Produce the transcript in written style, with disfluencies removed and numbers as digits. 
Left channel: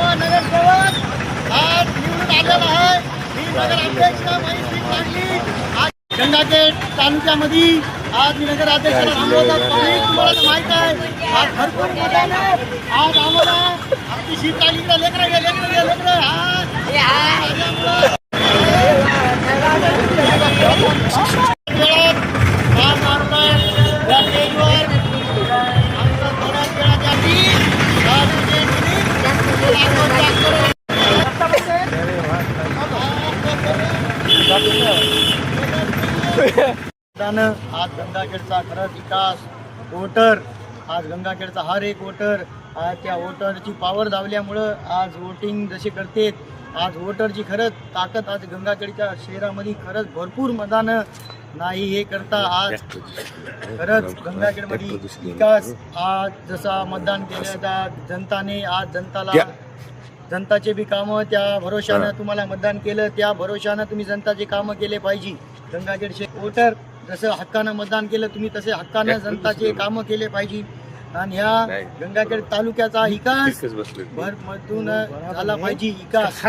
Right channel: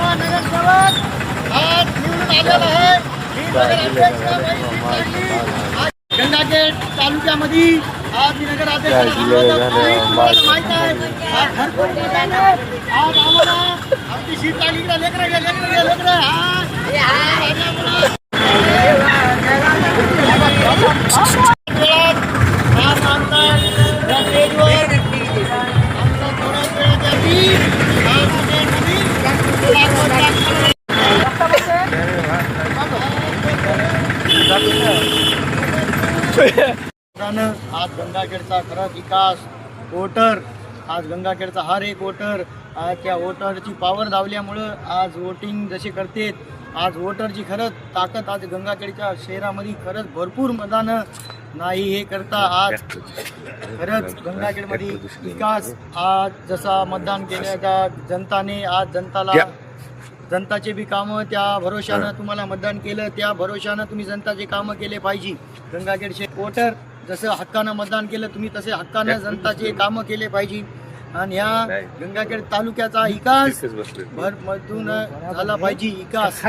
नवा नगरसेवक आज निवडून आलेला आहे. ही नगराध्यक्ष बाई सीट लागली. आज गंगाखेड तालुक्यामध्ये आज मी नगराध्यक्षाला तुम्हाला माहित आहे. आज भरपूर मतदान आज आम्हाला आमची सीट लागली. लेकर आज गंगाखेडचा खरा विकास वोटर आज गंगाखेडचा हर एक वोटर आज त्या वोटरची पॉवर लावल्यामुळं आज वोटिंग जसे करते. आज वोटरची खरंच ताकद आज गंगाखेडच्या शहरामध्ये खरंच भरपूर मतदान नाही हे करता आज खरंच गंगाखेडमध्ये विकास आज जसा मतदान केल्याच्या जनताने आज जनताचे बी कामं त्या भरोशानं तुम्हाला मतदान केलं. त्या भरोशानं तुम्ही जनताचे कामं केले पाहिजे. गंगाखेडचे वोटर जसं हक्कानं मतदान केलं तुम्ही तसे हक्कानं जनताचे कामं केले पाहिजे. आणि ह्या गंगाखेड तालुक्याचा विकास भरमधून झाला पाहिजे. विकास